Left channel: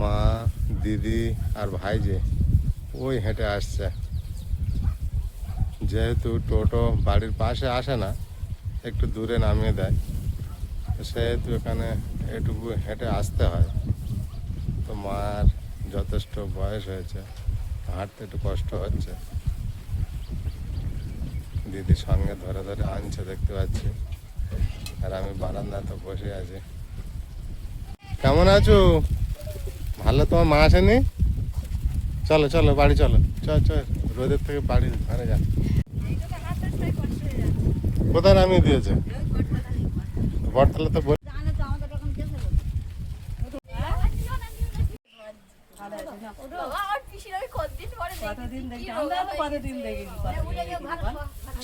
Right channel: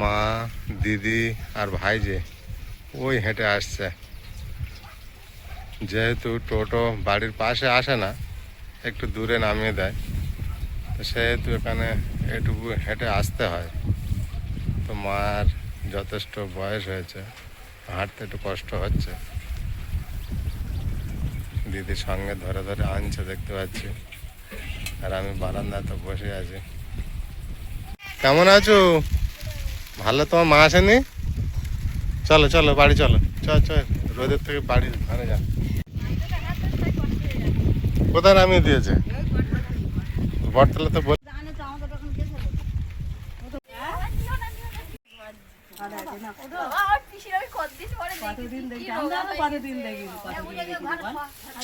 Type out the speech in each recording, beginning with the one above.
মা, দিদি আর ভাইজে ওই হেঁটে আসছে। যেহেতু টোটো বাড়ির পাশে আসে না, একটু দূরে নামিয়ে দেয়, তো সেহেতু এখানে এটুকু হেঁটে আসতে হয়। তো মার যথেষ্ট বয়স হয়েছে, হাঁটতে একটু কষ্ট হচ্ছে। দিদির সঙ্গে ধরে ধরে আনছে দেখতে পাচ্ছি, আর আমি বারান্দাতে বসে আছি। কেমন আছো? ভালো। তোমার মা আসেনি? চলো চলো বাড়ি চলো, চল চল, রোদের থেকে বাড়ি ঘরে যা। কোথায় নামিয়ে দিয়েছে? বটতলা তো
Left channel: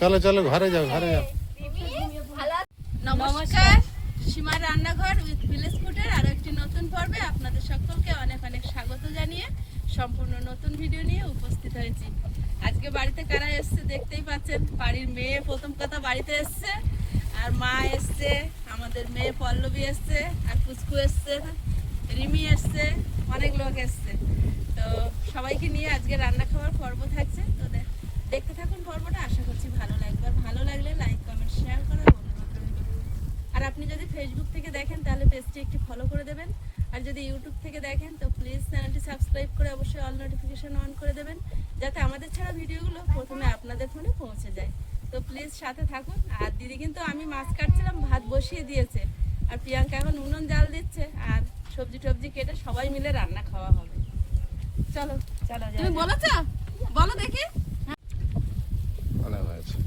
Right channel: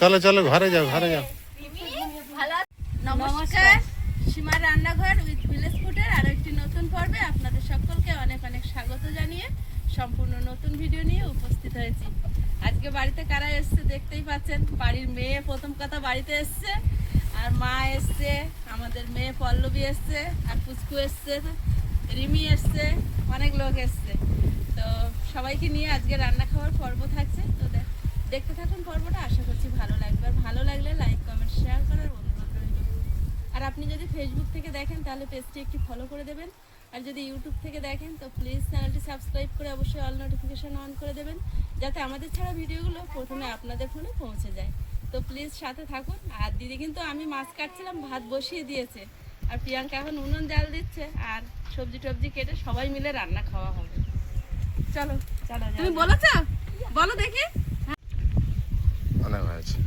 চলো চলো ঘরে যাও, ঘরে যাও। নমস্কার, সীমার রান্নাঘর উইথ ভিলেজ ফুডের আরো একটি নতুন পর্বে আপনাদের সকলকে অনেক অনেক স্বাগত জানিয়ে সম্পূর্ণ নতুন ভিডিও নিয়ে উপস্থিত হয়েছি। আজকে বাড়িতে কারা এসছে দেখতেই পাচ্ছেন। বাড়ির মেয়ে প্রথম কথা বাড়িতে এসছে, আর মা এসছে, আমাদের মেয়ে পল্লবী এসছে, আর পুচকু এসছে, রিমি এসছে, অনেক লোক এসছে। তো সবাইকে নিয়ে আজকে রান্না খাওয়ার পর্ব থাকছে। তো দেখতে থাকুন পর্বটা, আশা করছি ভালো লাগবে। আর ভালো লাগলে লাইক কমেন্ট শেয়ার করার অনুরোধ রইল। আর আপনি যদি ফেসবুক থেকে দেখেন তাহলে পেজটি একটি ফলো করে দেবেন, আর যদি ইউটিউব থেকে দেখেন তো প্লিজ চ্যানেলটি সাবস্ক্রাইব করে অবশ্যই অল নোটিফিকেশন অন করে দেবেন, যাতে আমাদের ছাড়া ভিডিওগুলো প্রথমে আপনাদের ফোনে পৌঁছে যায়। তো প্লিজ সাথে থাকুন। আর দিদি কিন্তু আমি মাছ কাটছিলাম, ভাত বসিয়ে দিয়েছে, আর প্রিয়াঙ্কা এখন উনুন জাল দিচ্ছে, আর সবজি টবজি কেটে সবাই মিলে রান্না খাওয়া হবে। চলো চলো, তুমি বলেছ, বলো দেখি। অনেক হয়েছে।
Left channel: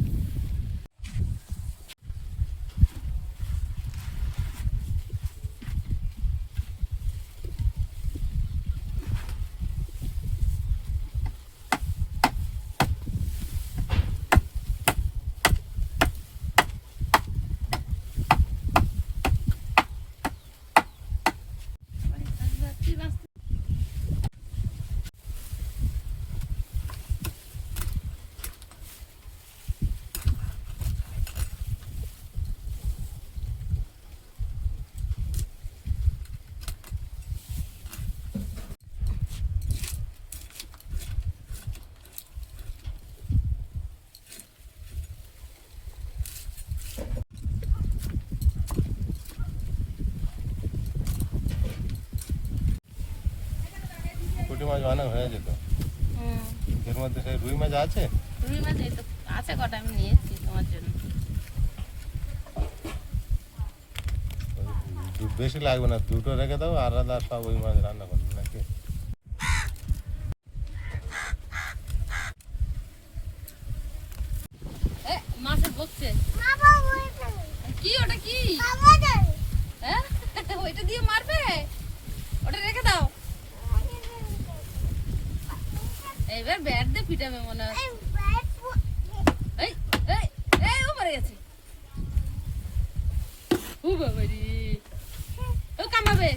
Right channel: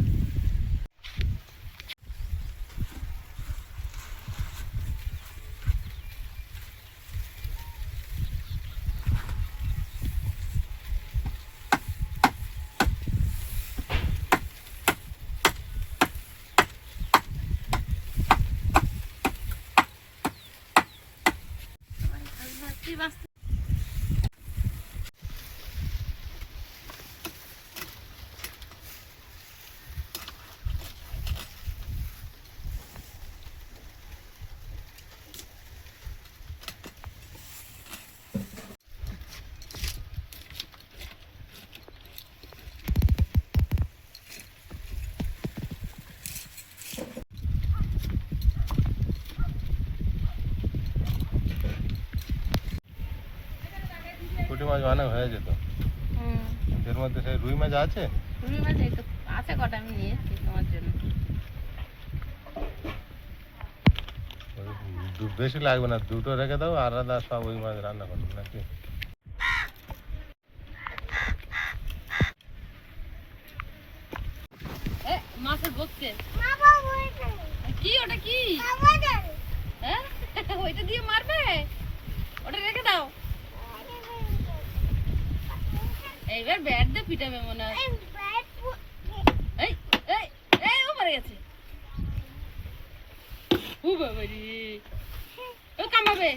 পুঁটি মাছ অনেক হয়ে যেত। এর মধ্যে সেই রুই মাছ আছে? রুই মাছ এই তো আছে কটা, আমি নিয়েছি তোমার জন্য। বেশি লাগবে না, দুটো রেখে দাও, আলাদা সব ওই মাছ রান্না করবো নাকি? মাছে বকছে কি? ওটা কি? হ্যাঁ, ওইটা দিয়ে মারবে? ওটা রেখে দাও, এইবার ব্যাট দিয়ে পিটাবে মনে হয়। এই এই এই ও মরে গেছে। ও বাবা রে, ও কামাবে।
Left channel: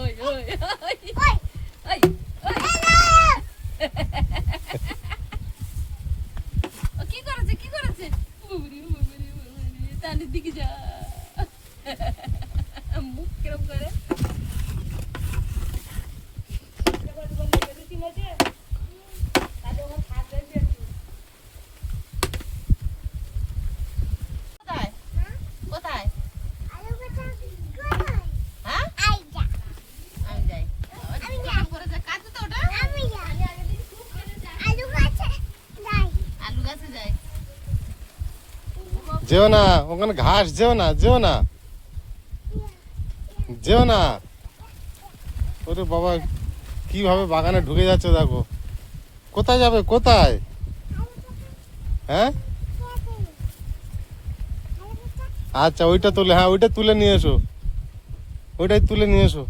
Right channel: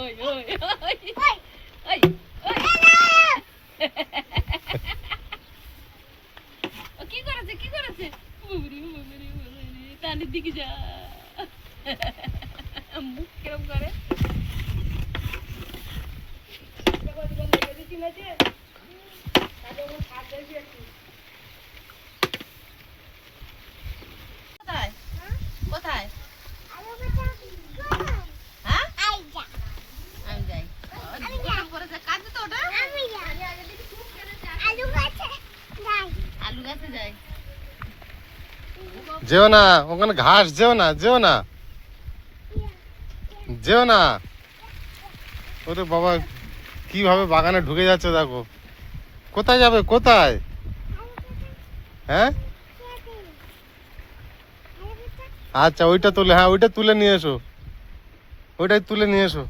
ওই ওই ওই ওই ও কি করেছে, কি করেছে? তানির দিকে যা, মুখ কিরম করে। কোথায় কোথায়? হ্যাঁ আমি যাই, কাজ তো ওটা আলু গাছে যাই। যেও না ওখানে, ঘাস, যেও না, যেও না, যেও না। ওরে বাবা, কিভাবে বাগানে ঢুকে যাচ্ছে দেখো। কোথায় যাবে, কোথায়? হ্যাঁ আচ্ছা, ওইটা তুলে, হ্যাঁ ওইটা তুলে নিয়ে এসো, ওইটাই তুলে নিয়ে এসো।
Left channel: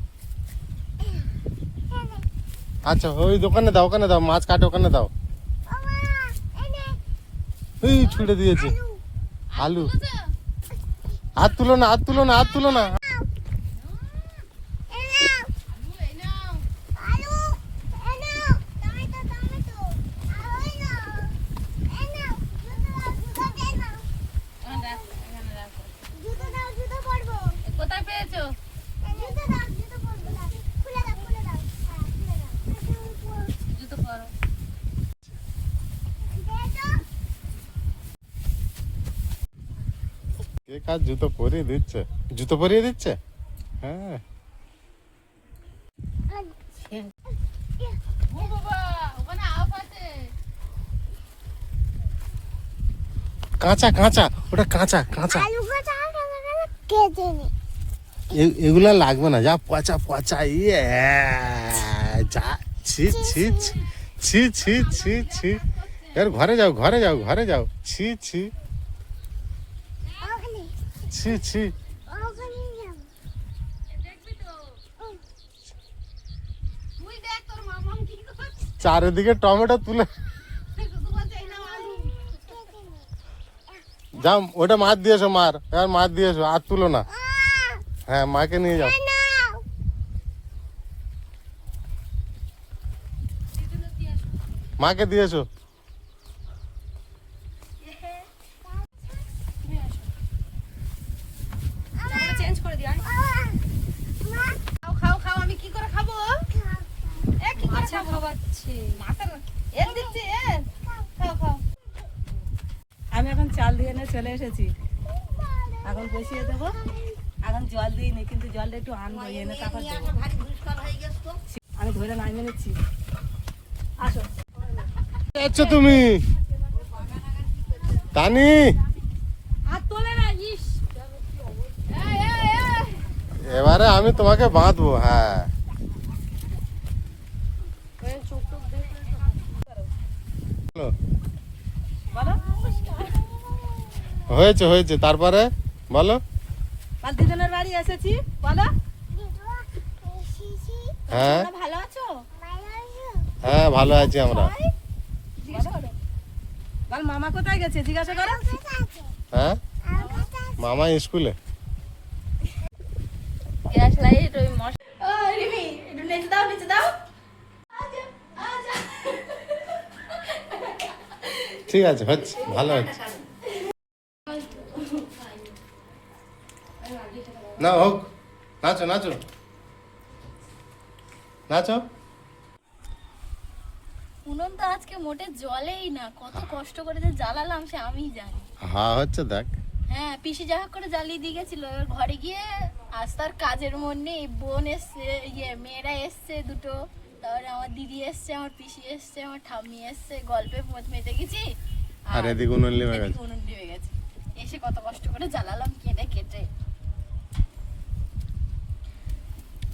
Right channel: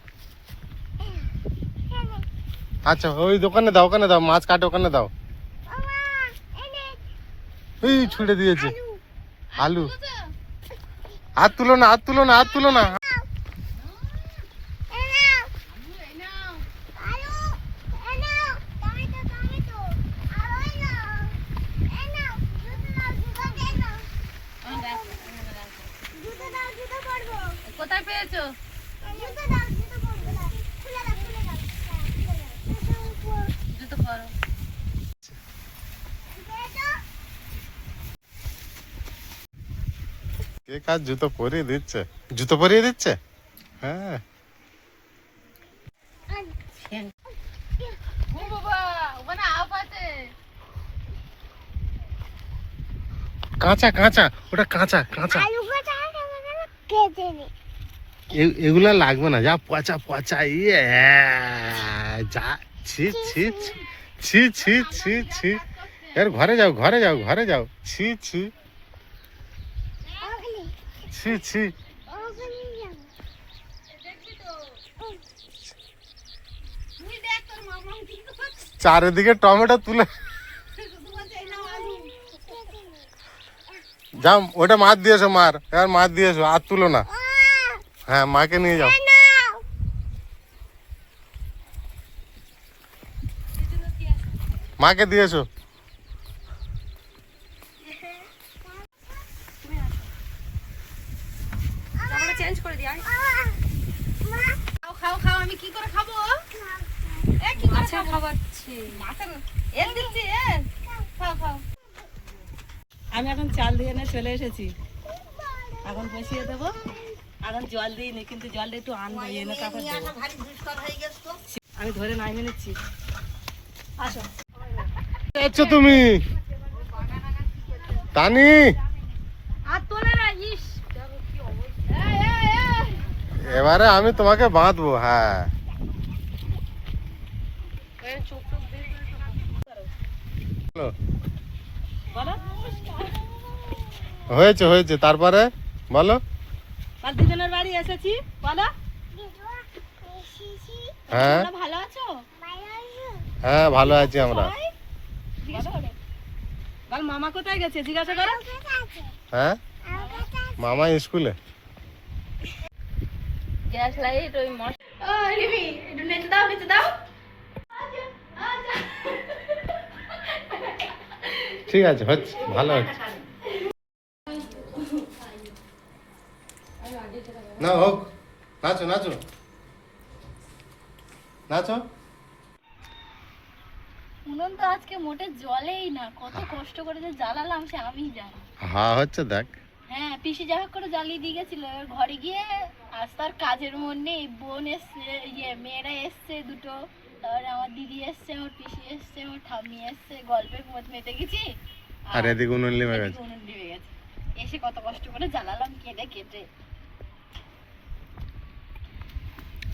আচ্ছা ওই দোকানে দাও, ওখানে দাও, মাছ কাটে ওখানে দাও। এই ছুঁড়ে দিয়েছে আলু। হাত তুলো না, হাত তুলো না, হাত তুলো না। কে কাজ জুতো পরিয়ে দিচ্ছে? জুতো পরিয়ে দিচ্ছে? হ্যাঁ। ও বাবা, ওখানে আপ আছে। কাঁচা কাঁচা, ওটা কাঁচা কাঁচা। এগুলা লাগবে না, যা পচা পচা। ইয়ে যা, ছি ছি ছি ছি ছি ছি ছি। এর ঘরে যাও, ঘরে যাও, ঘরে যাও। ছি ছি ছি ছি। দেখবি তো? তুই দেখ তোর মামা কি করছে। চারিদিকে টমেটো তুলে শুধু বলছে এই নাও আলু। যাও, ওটা মাছ দিয়েছো মার, এবার মাছ দিয়েছো, আর তুলো না। হ্যাঁ, মাকে নিয়ে যাও। মাকে দিয়েছো। আমরা চেঞ্জ করে দিই। খাও খাও খাও, আমি কি করে খাবো? এ কি করে খাবাচ্ছি? মাছের এর দিচ্ছি এ। খাও খাও। আমি এখন চাল দিয়ে এনে চলে এসেছি, এখন বসিয়ে দেবো। এখন জল দিইনি, কিন্তু জলটা একটু আনবো, এনে তারপর দেবো। আমি ধরে নামিয়ে নিচ্ছি। আসো। যাচ্ছো তুমি তানি? আর তোলে না ইস। এবারে আমি তোমাকে বাঁধবো। হ্যাঁ, বলো। বলো, হয়েছে হয়েছে, তারপরে বলো। কাল দিদিনের বাড়ি এসেছি, বলো। হ্যাঁ তোমরা ভালো আছো? হ্যাঁ, ভালো আছি আমরা। জিজ্ঞেস করো। বল মামা কোথায় গেছে জিজ্ঞাসা করো। হ্যাঁ, মামা স্কুলে। গ্যাস লাইট ওই মশ। ও রিমি, একটু নিচে দাও, নিচে দাও। ঠিক আছে, হচ্ছে, ভালো হচ্ছে। না হোক, নাচো নাচো নাচো। উনুন তো আজকে মোটে জ্বলেই না, কত কষ্ট করে যে জ্বালালাম সে আমিই জানি। হ্যাঁ হচ্ছে, দেখ। হ্যাঁ, পিসি যা হোক করে জ্বালিয়ে দিয়ে গেছিল। এবার ঘরে গিয়ে আজ তার কাজের মন নেই। বোন এসছে, মেয়েরা এসছে দুটো, তারপরে আমার দিদি এসছে, আমার পিসি এসছে, আমার ঠাম্মি এসছে, গল্পে মেতে গেছি। আর এদিকে উনুন লেবে গেছে। এদিকে উনুন নিভে গেছে। এসে কত কষ্ট করে জ্বালালাম কেটে কেটে।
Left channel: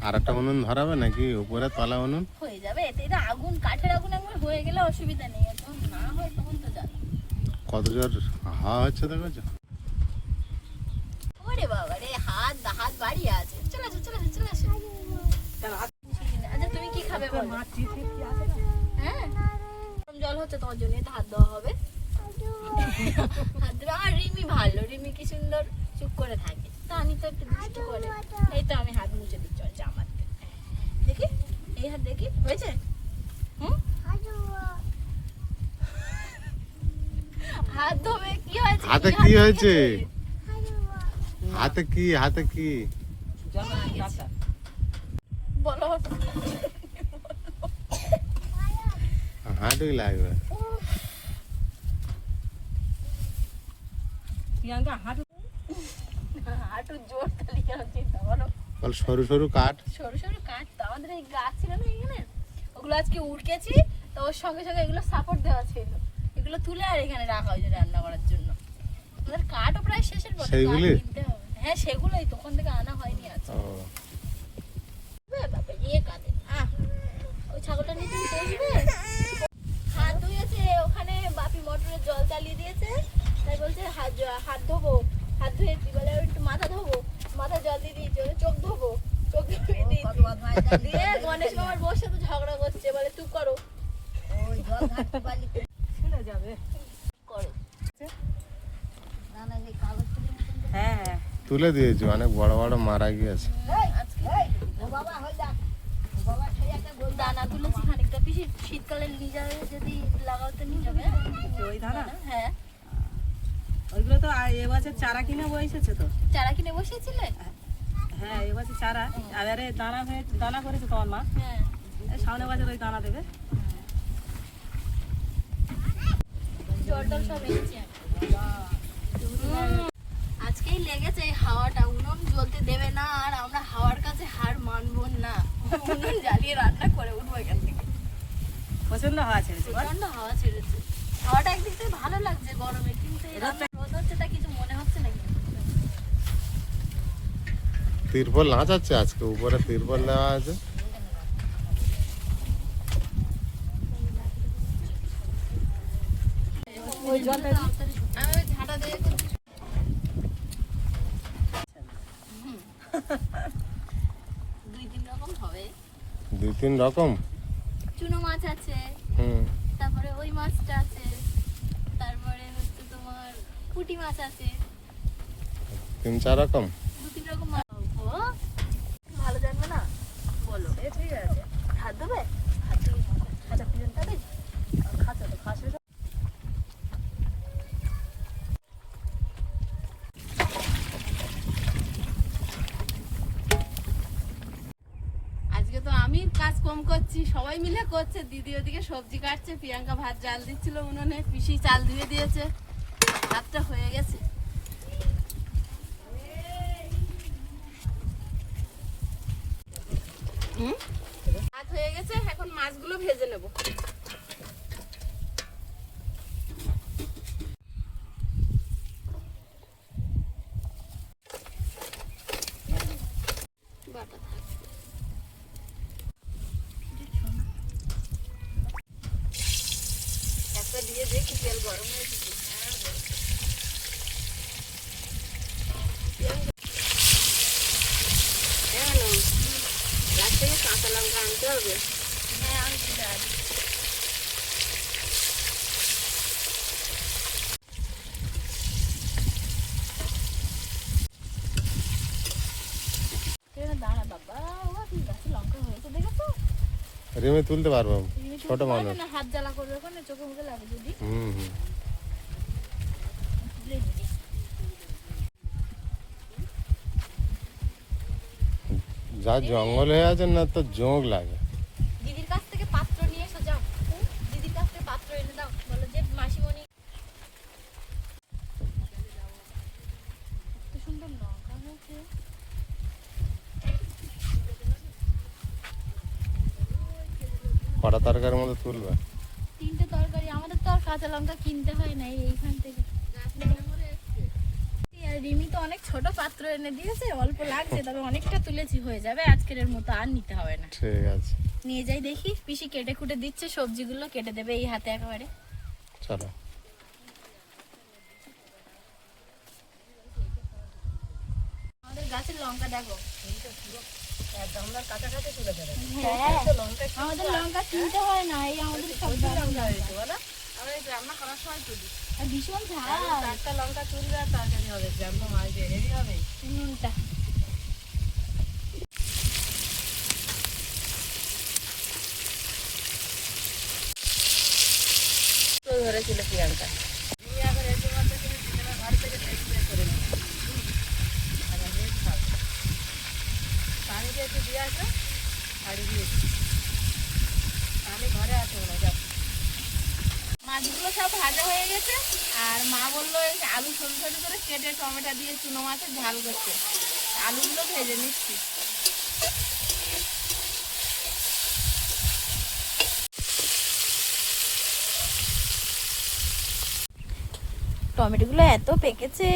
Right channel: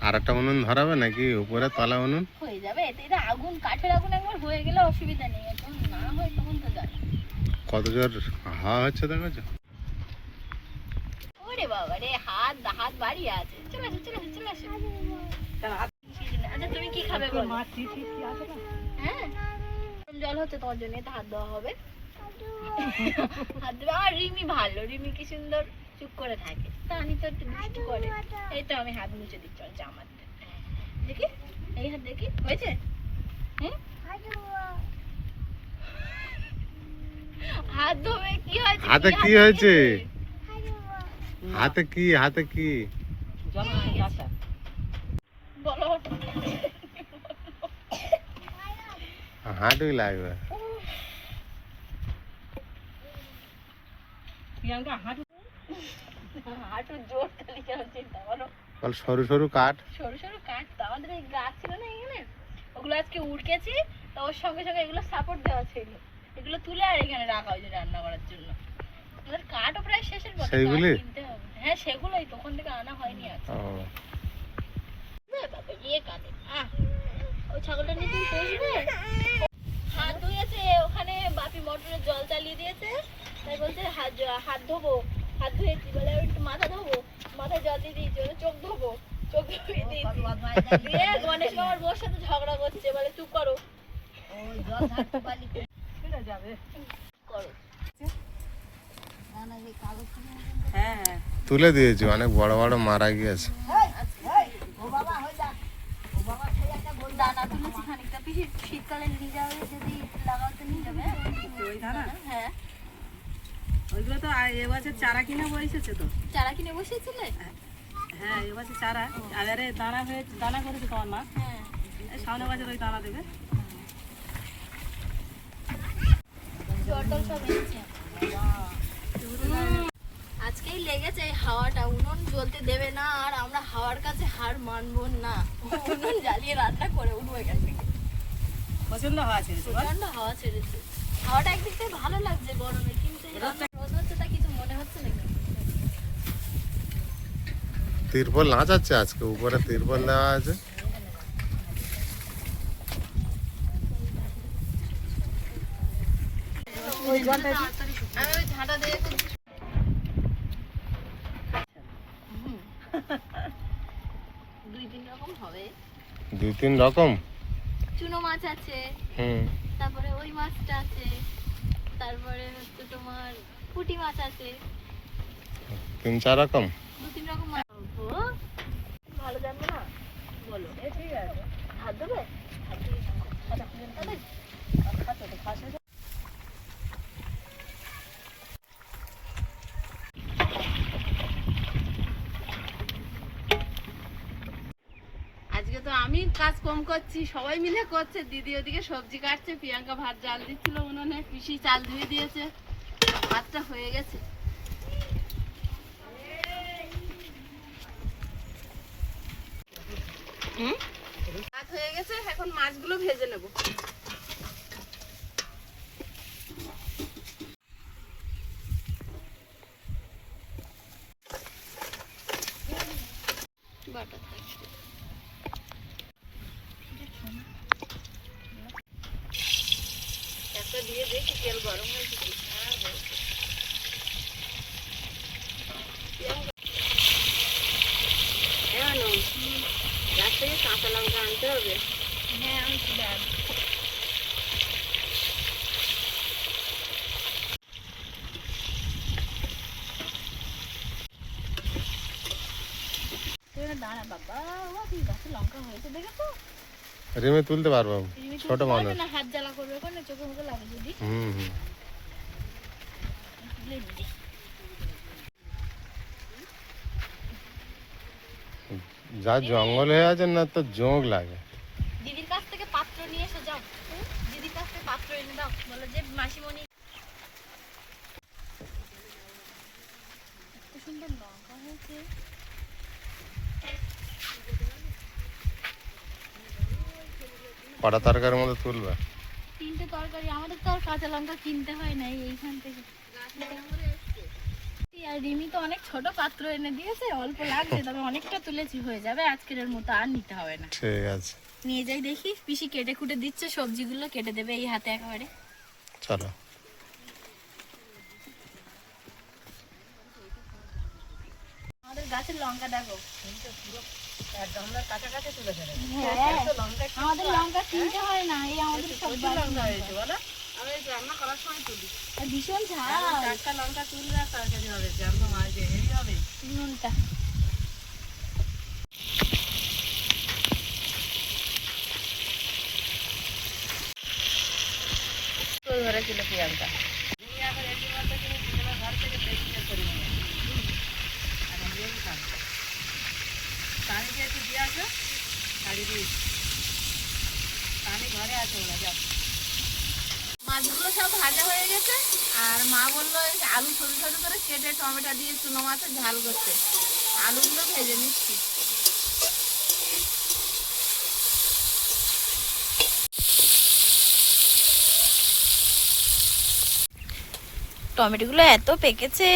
আর একটা উনুন ধরাবে নাকি উপরে তলা উনুন? হয়ে যাবে, এতে এটা আগুন, কাঠের আগুন একবার হয়ে গেলে অসুবিধা নেই। এখন না হয় তখন তো যাবে। কত জোর হাওয়া হচ্ছে দেখেছো? ওরে বাবা রে, হাত হাত বাড়িয়ে আছে। চলে আসো চলে আসো চলে আসো। আচ্ছা তুমি কি খাবে বলো? মা ঠিক ঠিক কি আছে না? হ্যাঁ, গরম জল হচ্ছে, তোমার জন্য তো হাত দেওয়া হবে। হাত দেবে। আর রিমি ভালো, রিমি কি সুন্দর চুপ করে থাকে। তানি তো একটু দুষ্টু করে। এই তো আমি হাত মুছে দিচ্ছি ওর জামাতে। দেখি, এই হাত দেখি, হয়েছে? হুম, হাত ধোবে কি হয়েছে? হাতে কি হয়েছে? হাতে কি, হাতে কি? জল আচ্ছা, বলো। হাঁটুই লাগবে। প্রিয়াঙ্কা হাঁটু। হাঁটু জোর তালিকা হচ্ছে, বলো। বল, সরু সরু কাঠ। সরু সরু কাঠ তো আমাদের এই গাছ ছিল না এখানে, ওগুলো আজকে উড়কেছি। তো ওর সঙ্গে সঙ্গে এগুলো সাপোর্ট দেওয়া ছিল, এগুলো তুলে আর এখানে রাখা হয়েছে রান্না করার জন্য। আমাদের কাঠও প্রায় শেষের পথে, কাঠ সেইগুলি? কিনতে হবে। হ্যাঁ, সেগুলোই তখন থেকে আনা হয়নি আজকে। ও, বাবা ইয়ে কাঁদে। ওই ছাগলটা নিয়ে তুমি বসবে। হাত ধুয়েছে ওখানে, বাপি মোটরের জল চালিয়ে দিয়েছে, তাই বলছে হাত ধোবো। হাত ধুয়েছি বলে একটু মাথা ধোবো, মাথায় জল দিয়ে দিয়েছি, বলে চোখ ধোবো, চোখ ধুয়ে দিয়েছি। দিয়ে গণেশ মামার বউর সাথে ঝগড়া করছে, বলে চুপ করো। ছিঁড়ে যাবে। করো। হ্যাঁ হ্যাঁ, তুলে দিয়েছি, অনেক বড় বড় মারা গিয়েছে। দানা তুলেছি খানিকটা, পিসি শীতকালে নিয়ে যাবে, যদি লাগাও তো নিয়ে যাবে। ওই ধানা হ্যাঁ, ওইগুলো তো এবছর চারা কিনে বসেছে তো। চারা কিনে বসিয়েছিলে? হ্যাঁ, এবছর চারা। আর আরে দানা হয়ে দানা করেছে তোমার মা, হ্যাঁ। এই সামনে বছর ওই দানা দেবে। জল টল সব এনেছি। আজকেই লেগেই লেগেছে এই হাওয়াটা, উনুন জ্বলতে দেবে না, আর আমরা হাওয়ার কাছে হার মানবো না, উনুন জ্বালিয়ে রান্না করে উঠবো এখান থেকে। প্রচন্ড হাওয়া ছেড়েছে বল। প্রচন্ড হাওয়া ছেড়েছে, হাওয়াটা একদিক থেকে ভালো লাগছে গরমে, কিন্তু এই রান্না রোদ হচ্ছে তা কিছু মনে হচ্ছে না কিন্তু। তিরপল নাচাচ্ছে আজকে, উপরে তিরপল দেওয়া আছে। ওই জলটা আমি ওই ঝাঁটা দিয়ে দুই তিন রকম হবে, 2-3 রকম। চুনো মাছ আছে, হুম, তারপরে ওই মাছটা আছে, তারপরে হচ্ছে তোমার পুঁটি মাছ আছে, 3-4 রকম। 2-3 রকম মাছ। ও, ভালো জানবে না বলো, এ ঠিক আছে। হাত দেবে? কথা কি জানতে হবে? খাচ্ছে তো খাসে। আজকে তো আমি কাজ কম করছি, সবাই মিলে করছে। দিদি ওদিকে সবজি কাটছে, প্রিয়াঙ্কা ভাত জাল দিচ্ছিল উনুনে, পিসি চাল ধুয়ে দিয়েছে, ভাতটা হয়ে গেছে। ভাত হয়ে গেছে, এখন মাছগুলো ভেজে নেব। বাটা থাকবে। একটা দিয়ে দেখি তেল গরম হয়েছে কি। এমন গাছ থেকে কাঁচা লঙ্কা আনতে হবে। হ্যাঁ আমি দিলাম। দাঁড়া বাবা, ও কি গাছে লঙ্কা হয়েছে দেখেছো? রিমে তুলতে পারবো, তুমি ছোট তুলতে পারবে মানুষ। না, হাত জ্বালা করবে কোনে, চোখে মুখে লাগে যদি। হুম হুম। তুলে দিদি। যা জঙ্গল হয়ে আছে না, তো জোঁক লাগে। দিদির কাছ থেকে পাত্র নিয়ে এসে যাও, দিদির কাছ থেকে পাত্র এনে দাও, বলো যে মাসিমণি এত সুন্দর লঙ্কা হয়েছে। কটা তরকারির মধ্যে তুলবে? 3টে তরকারি, আমাদের তো আর কাঁচা লঙ্কা কিনতে হয় না, এইখান থেকে। আর রিমি তো অনেক ছোট পাত্র এনে দিয়েছে, অল্প লাগছে, তবে অনেকটা তুলেছি, হয়ে যাবে আজকের মতো, আর নিতে হবে না। ঠিক আছে, নিয়ে যাই দেখি, পিসি কেটে কুটে দিচ্ছে, সবজিগুলো কেটে দেবে এই হাতে একেবারে। চলো। আমাদের গাছের লঙ্কা দেখো। আমরা কাছাকাছি তুলে দেবে। হ্যাঁ, আমাদের লঙ্কা কিনতে হয় না, এই আমাদের সব লঙ্কা হয়েছে বলো। আমি রান্না করার সময় তুলি। আর ভীষণ ঝাল। 4টা লঙ্কা তুলবে আর তরকারি হবে, জ্যান্ত মাছ দিয়ে হেভি হবে। নুনটা তো ধরেছিল প্রিয়াঙ্কা। তুমি এখন এসে বলতে তুমি দুজনের ঘর থেকে টেস্ট করে নেবে। আর আমি বেশ খাবো। পানি দিয়ে একটু দিয়ে আসো, বাড়ি দিয়েছি। পানি ঘরে আছে ওরা, যাও। মাছগুলো সব ভাজা হয়ে গেছে, আর মা বললো এই আলু ছোট ছোট করে কেটে টমেটো দিয়ে চুনো মাছের ঝাল করতে। আলুগুলো ভেজে নিচ্ছি। টমেটোগুলো এত পেকেছে,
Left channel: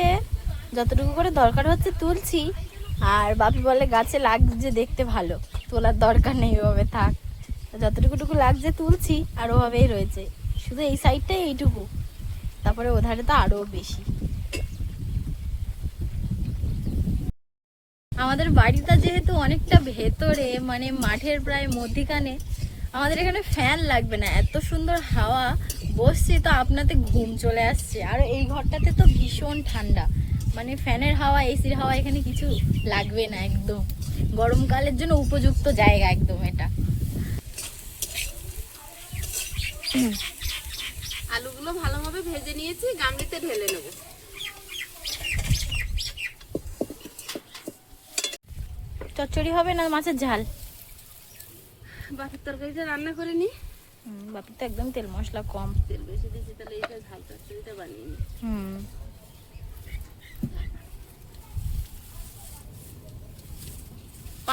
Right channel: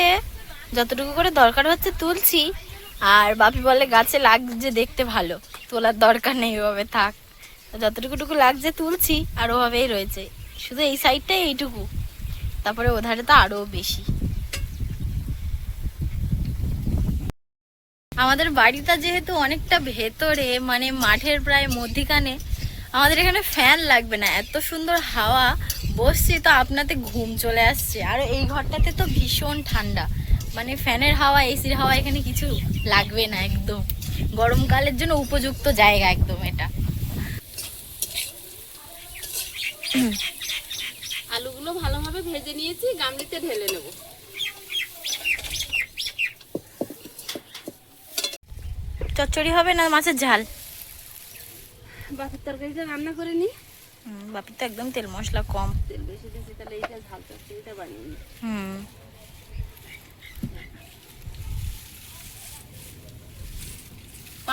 যতটুকু করে দরকার হচ্ছে তুলছি, আর বাপি বলে গাছে লাগছে দেখতে ভালো, তোলার দরকার নেই, ওভাবে থাক। যতটুকুটুকু লাগছে তুলছি, আর ওভাবেই রয়েছে, শুধু এই সাইডটাই এইটুকু, তারপরে ওধারে তো আরো বেশি। আমাদের বাড়িটা যেহেতু অনেকটা ভেতরে, মানে মাঠের প্রায় মধ্যিখানে, আমাদের এখানে ফ্যান লাগবে না, এত সুন্দর হাওয়া, বসছি তো আপনাতে ঘুম চলে আসছে। আর এই ঘরটাতে তো ভীষণ ঠান্ডা, মানে ফ্যানের হাওয়া এসির হাওয়া এখানে কিছু লাগবে না, একদম গরমকালের জন্য উপযুক্ত জায়গা একদম এটা। আলুগুলো ভালোভাবে ভেজে নিয়েছি, গামলিতে ঢেলে নেব। চচ্চড়ি হবে না মাছের ঝাল? বাকির তরকারিটা রান্না করে নি। বাপি তো একদম তেল মশলা কম। তেল বেশি দিয়েছি, তাহলে এইটা ঝাল চচ্চড়িটা বানিয়ে নি।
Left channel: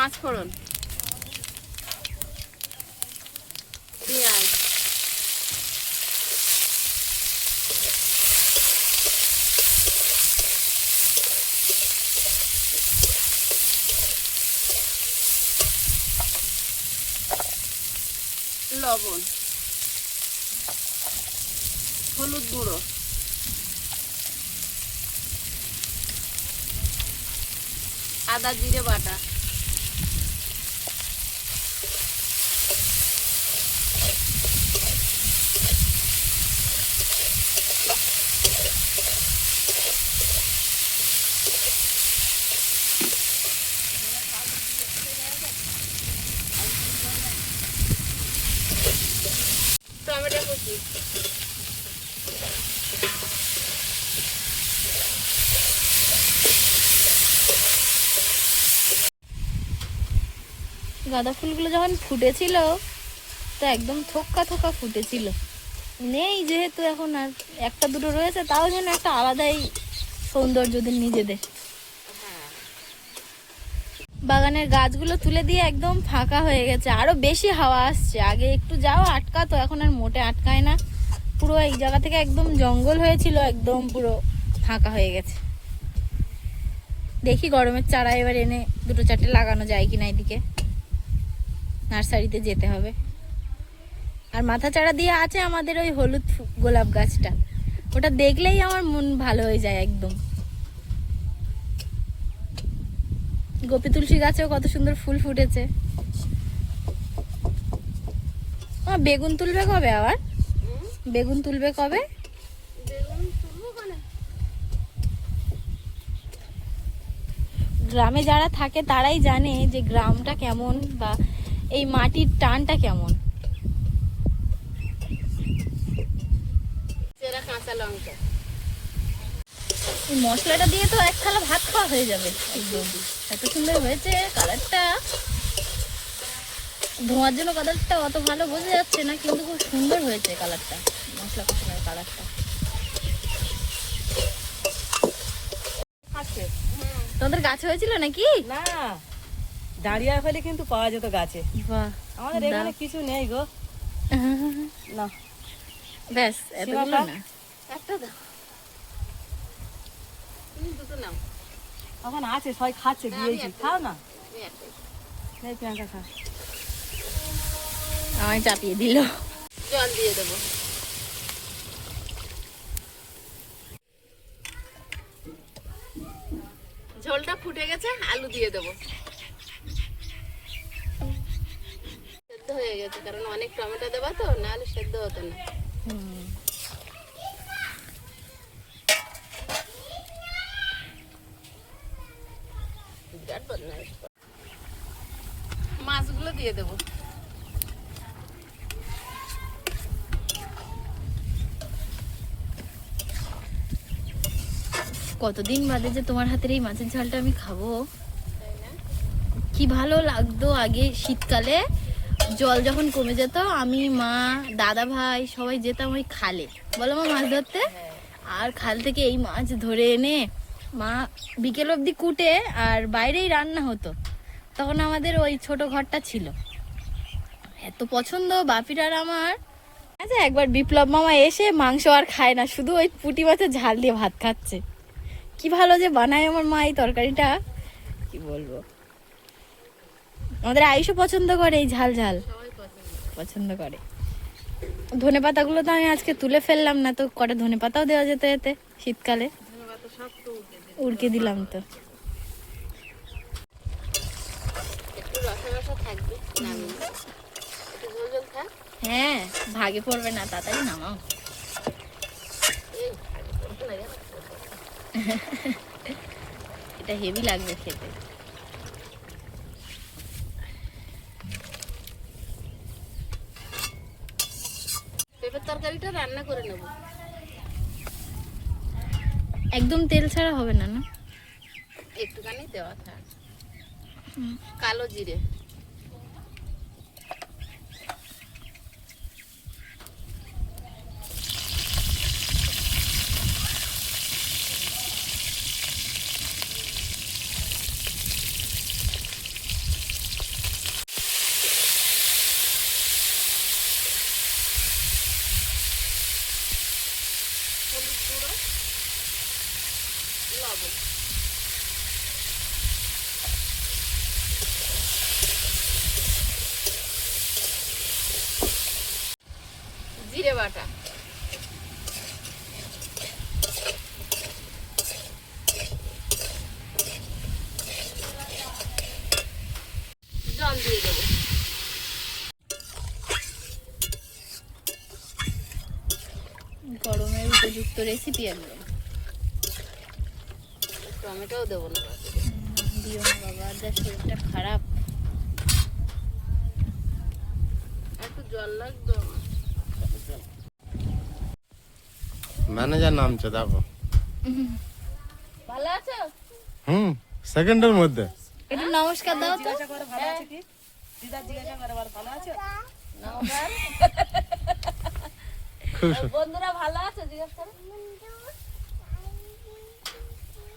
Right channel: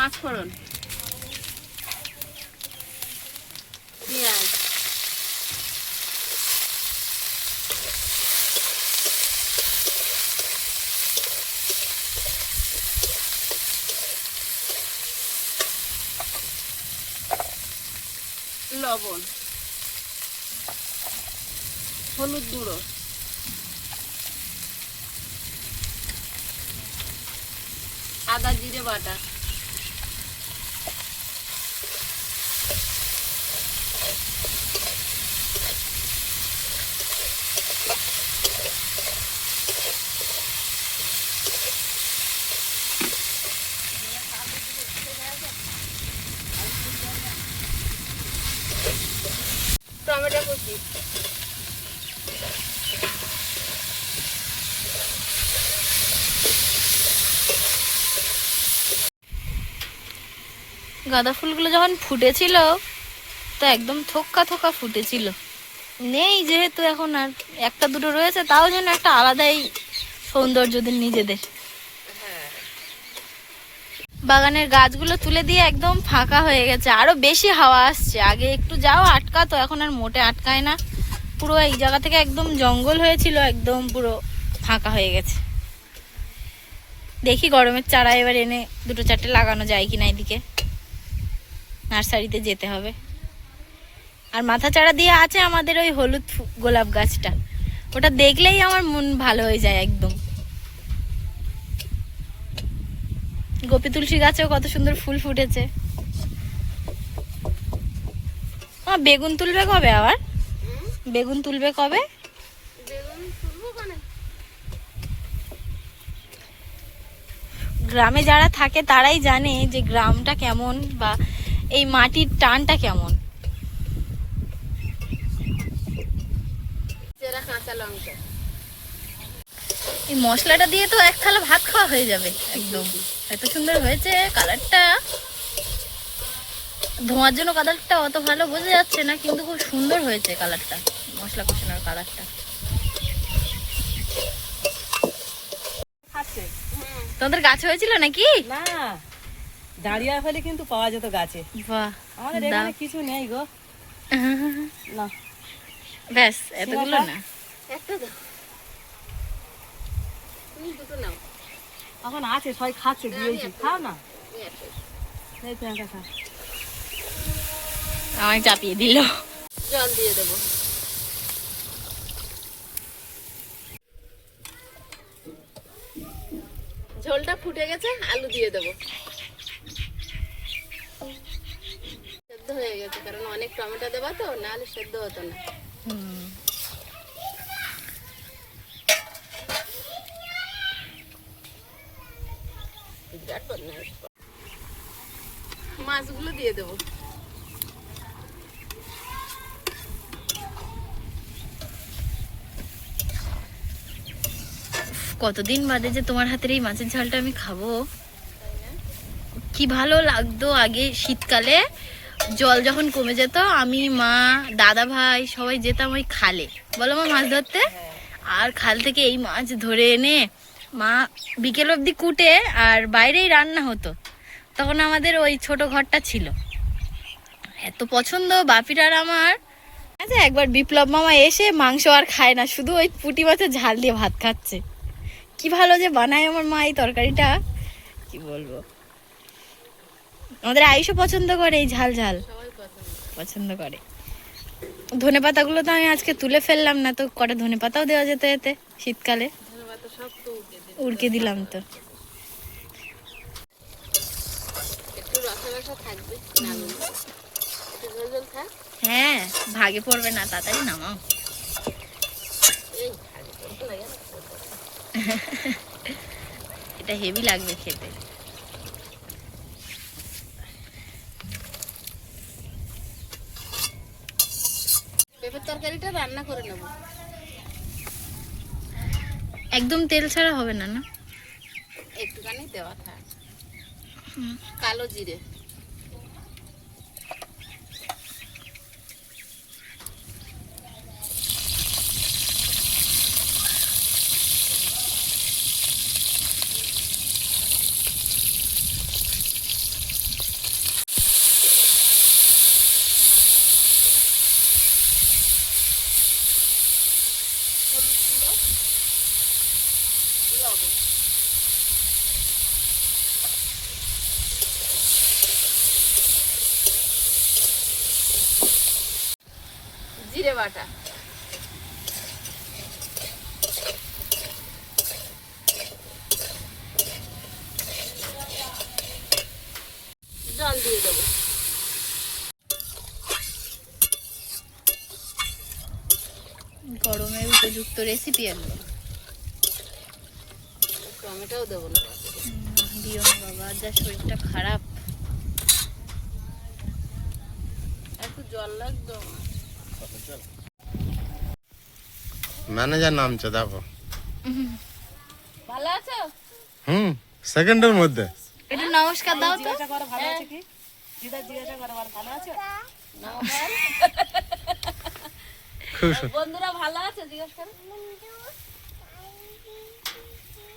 পাঁচ ফোড়ন, পেঁয়াজ, লবণ, হলুদ গুঁড়ো, আদা জিরে বাটা, টমেটো কুচি, গাঁদা ফুলগুলো যখন ফুটেছিল তো একদম থোক্কা থোক্কা ফুটেছিল, নেই যেহেতু এখন আর একটা দুটো রয়েছে, তাও যেন একটা আলাদাই সৌন্দর্য নিজেদের। বাগানের গাছগুলো তুলে দিয়ে একদম ফাঁকা হয়ে গেছে, আরো বেশি হাওয়া আসছে। আগে একটু যাও আটকাতো, এখন আর মোটে আটকায় না। পুরো এই জায়গা থেকে একদম জঙ্গল হয়েছিল, একদম পুরো ফাঁকা হয়ে গেছে। দেখি গরমের চারা এবার এনে দুটো চারটে লাগানো যায় কিনা, এদিকে নার্সারিতে যেতে হবে। আর মাথা চারা দিয়ে আছে আমাদের ওই হলুদ গোলাপ গাছটা, ওটা দেখলেই আমার মন ভালো হয়ে যায় একদম। গোপী তুলসী গাছেও কত সুন্দর ফুল ফুটেছে। বেগুন তুলবে কবে আবার? বেগুন তুলবে কবে? গ্রামে যারা থাকে তারাই জানে যে গ্রামটা কেমন বা এই মাটির টানটা কেমন। কাঁচা লঙ্কা, এই মশলাটা দিয়ে তো এক থালা ভাত খাওয়া হয়ে যাবে একদম। এত সুন্দর হয়েছে কালারটা, ধোঁয়ার জন্য কালারটা অত ভালো বোঝা যাচ্ছে না, কিন্তু খুব সুন্দর হয়েছে কালারটা, মশলা কষানোর কালারটা। তোমাদের গাছ হয়েছিল নাকি? না, দাঁড়িয়ে ফেলে কিন্তু পাওয়া যেত গাছে। বাহ, আমাদের এখানে কিছু নেই গো। না ব্যাস এতগুলো না, একটা দাও, তুমি দুটো নাও। এখন আছে, সবাই খাচ্ছে, দিয়েছি, খাও না। তুমি একটা দাও। এই প্রিয়াঙ্কা খা। আমায় চাপিয়ে দিল। জল দিয়ে দেবো। ঝোলটা ফুটে গেছে, আলু দিয়ে দেবো। সেদ্ধ হয়ে গেছে, কারণ অনেক টমেটো দেবা তো, নাহলে সেদ্ধ হতো না। বিরাট বদমাইশ। মাছগুলো দিয়ে দেবো। কতদিন বাদে যে তোমার হাতের এই মাছের ঝালটা আমি খাবো, কি ভালো লাগতো। আগে শীতকালে জল যখন কমে যেত, আমি, মা, দাদা ভাই সবাই যেতাম ওই খালে, বলো মা, মাছ ধরতে। আর খাল থেকে এই মাছ ধরে এনে মা বিকেল অবধি কুটে, আর বাইরেই রান্না হতো। তখন আমাদের ওই ছোট ঘরটা ছিল, এত পছন্দ বাপির আর আমার। আচ্ছা, একবার বিপ্লব মামা এসে মাংস আর খায় না, শুধু ওই পুঁটি মাছের ঝাল দিয়ে ভাত খাচ্ছে। কি ভালো যে বানায় আমার মা এই তরকারিটা, কি বলবো। আমাদের আয়ুষও পছন্দ করে এই ঝাল ঝাল, পছন্দ করে। ধনে পাতাগুলো তো আমি আজকে তুলে ফেললাম না, তো কটা ধনে পাতাও দেওয়া যেত এতে শীতকালে, উড়কে দিলাম তো। একটু রসা রসা থাকবে, নামিয়ে একটু ঝোল ঝোল থাক। হ্যাঁ, ভাগে পড়বে না, তাড়াতাড়ি নামাও। এই ভাগে পড়বে না জানো? এটা হেভি লাগবে খেতে। পেঁপের তরকারিটা রান্না করে নেব। একদম তেল ছাড়া হবে না, না? একটুখানি দেওয়া থাক। কালো জিরে, লবণ, জিরে বাটা, জল দিয়ে দেবো। গরমের উপযুক্ত রেসিপি একদম। টমেটোও দেবো না, দিও না বাবা, যা শরীরটা খারাপ। একটু জল লাগবে আমার। ম্যানেজার নামছে দেখো। ভালো আছো? সেকেন্ডের মধ্যে। একটু নমস্কার দাও তো। জিজ্ঞাসা করো ভালো আছে কি? দিদা জিজ্ঞাসা করো আর ভালো আছে? নমস্কার। খুব বন্ধুরা ভালো আছে জিজ্ঞেস করো।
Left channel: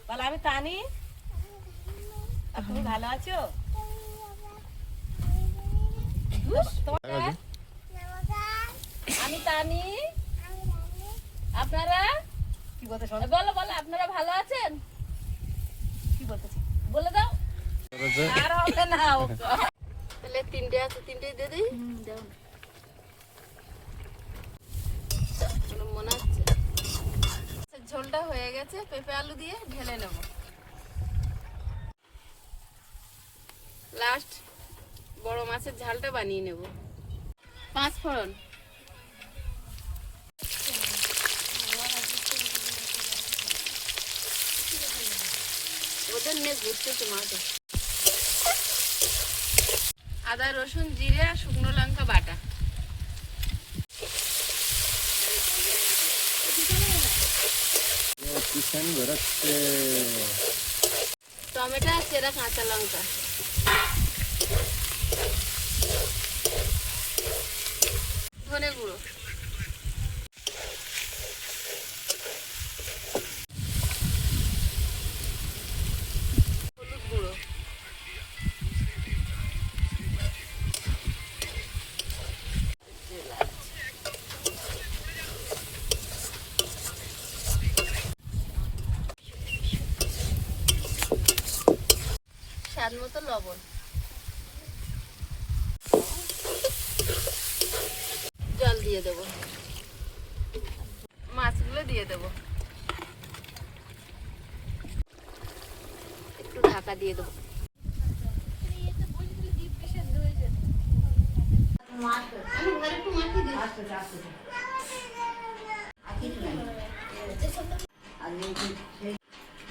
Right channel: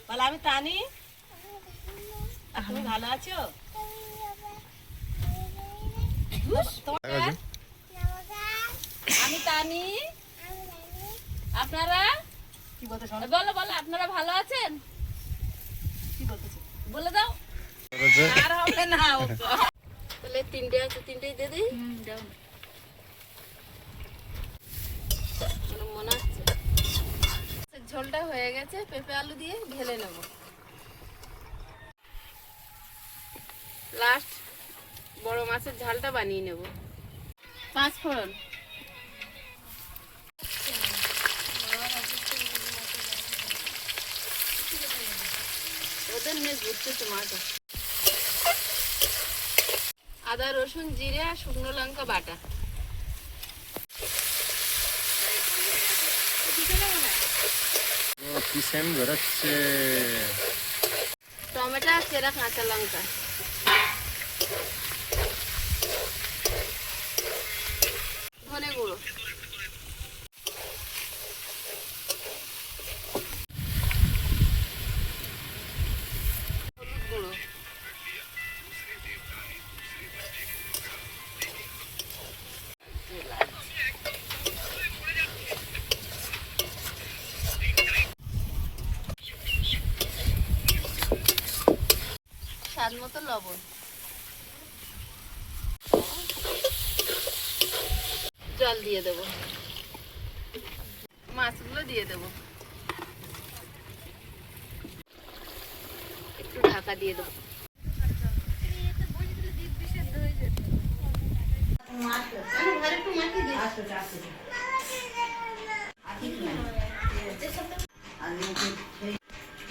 বলে আমি তানি, আর তুমি ভালো আছো? আমি তানি, আপনারা কি বলতে শোনো? বলো বলো, আপনারা ভালো আছেন? কি বলতেছি? বলে দাও। করেছে। আর হবে না। তাহলে তিনটে আছে, তিনটেই দিয়ে দিই। দাও। মনে হচ্ছে ঝোলটা হয়ে গেছে, পেঁপে আলু দিয়ে ঢেলে নেব। লাস্ট বড় মাছের ঝালটা বানিয়ে নেব। 5 ফোড়ন, ওদের নে ঘুরতেছে মাঠে। আদা রসুন জিরে আর শুকনো লঙ্কা বাটা। কি সেন্ট বেরোচ্ছে। টমেটো আর চেরা কাঁচা লঙ্কা, ধনে গুঁড়ো, হলুদ গুঁড়ো, স্বাদ মতো লবণ, জল দিয়ে দেবো, মাছগুলো দিয়ে দেবো, একটু ঢাকা দিয়ে দেবো।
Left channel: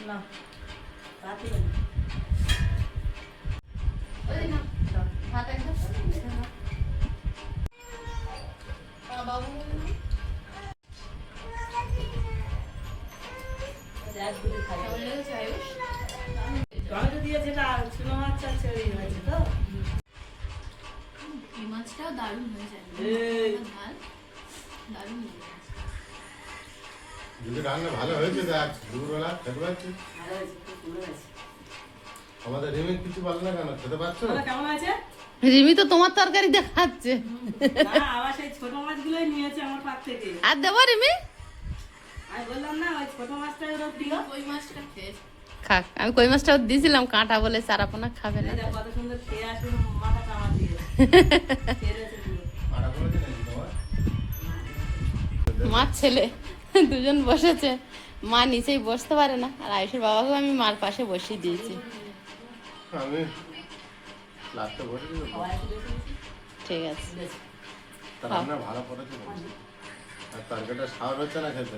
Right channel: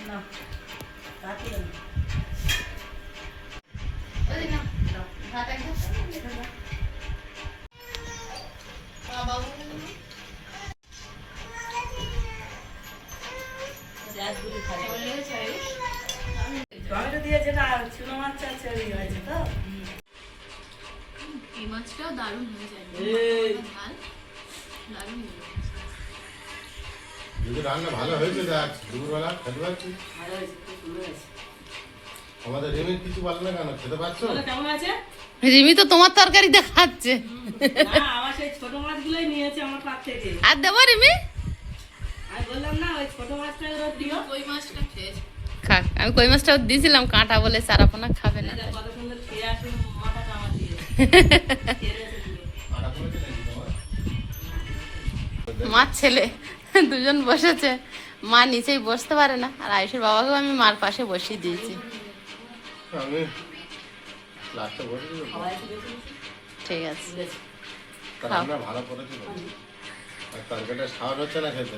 না, রাতে টমেটো দিয়ে যেটা ছিল মাছ চাল ছেড়ে হয়েছে তো। এই মাছটাও দারুণ হয়ে যায়। এই। ঝাল দারুণ হয়ে যায়। যদি রান্না ভালো হয়েছে দেখ, দুপুরবেলা খেতে পাচ্ছি। ভালো হয়েছে, খুব সুন্দর হয়েছে। আমাদের রিমির কিছু বলে না কেন, খেতে পাচ্ছ? বলো কেমন আছে? রিমি তো তোমার তরকারি দেখাচ্ছে। না, আবার সেই ছোট মাছগুলোই নিয়েছে আমার পাত থেকে। আর দেবো রিমি? আমি বললাম না ওই ছোট মাছটা ওরা প্রিয়। ওই মাছটা খেয়েছে। খাক, আমি কই মাছটাও দিয়েছিলাম, কাঁটা বলে সারাপোনা খাবে না। এই দেখ কত সুন্দর খেয়ে আসুন, মাথা কামার দিয়ে খেয়ে রয়েছে পুরো। আটা করেছে নাকি তোমার? মার ছেলে দুজন বসেছে, মা নিচেই বসতে পারে না, আর আয়ুষের বাবাকেও আমি মার পাশে বসিয়ে দিয়েছি। আমি লাস্টে বসেছি তো। খাওয়া এসে দেখি, ঠিক আছে, বেশ। রান্না ভালো করেছে বলছি। আর তরকারিটা স্বাদ হচ্ছে না খেতে,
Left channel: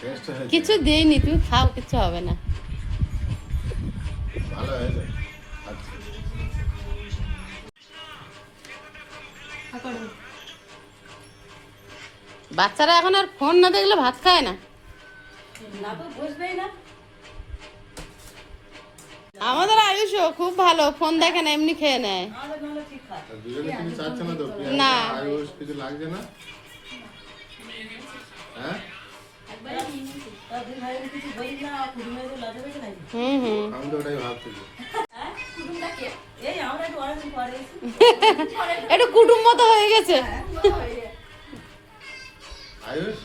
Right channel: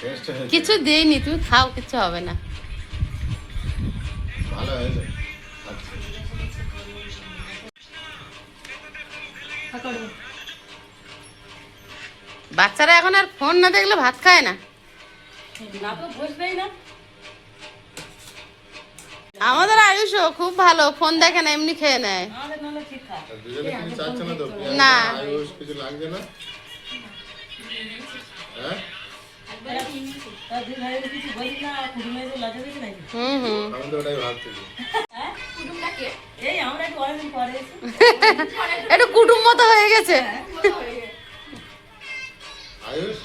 টেস্ট হয়েছে। কিছু দিইনি, তুমি খাও, কিছু হবে না। ভালো হয়েছে। আচ্ছা। বাচ্চারা এখন আর ফোন না দেখলে ভাত খায় না। না তো বসবেই না। আমাদের আয়ুষও খুব ভালো, ফোন দেখে না, এমনি খেয়ে নেয়। আমাদের নাহলে ঠিক খায়। আর দুজনে কিছু চাচ্ছে না তো? না। আয়ুষ কিছু লাগছে না? হ্যাঁ? তার দুই ভাইয়ের কিছু বলি না, কুটুমে যে লজ্জা দেখি নাকি? হুম। আমি তো ওটাই ভাবতেছি। হ্যাঁ? এই আমরা একটু অনেকদিন পরে এসেছি। একটু কুটুম মতো হয়ে গেছে। আয়ুষ,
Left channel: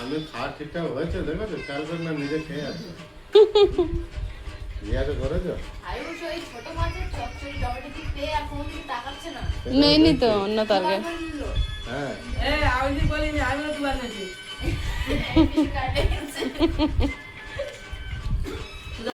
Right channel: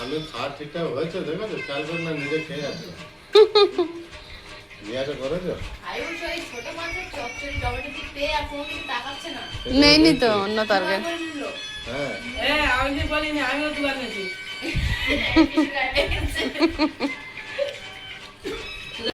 আমি খাওয়ার ঠিকঠাক হয়েছে দেখেছো? খেয়াল করে না, নিজে খেয়ে আছে। জিজ্ঞাসা করেছো? নেইনি তো অন্য তরকারি। হ্যাঁ আমি বলিনি, আমিও দুবার নিয়েছি।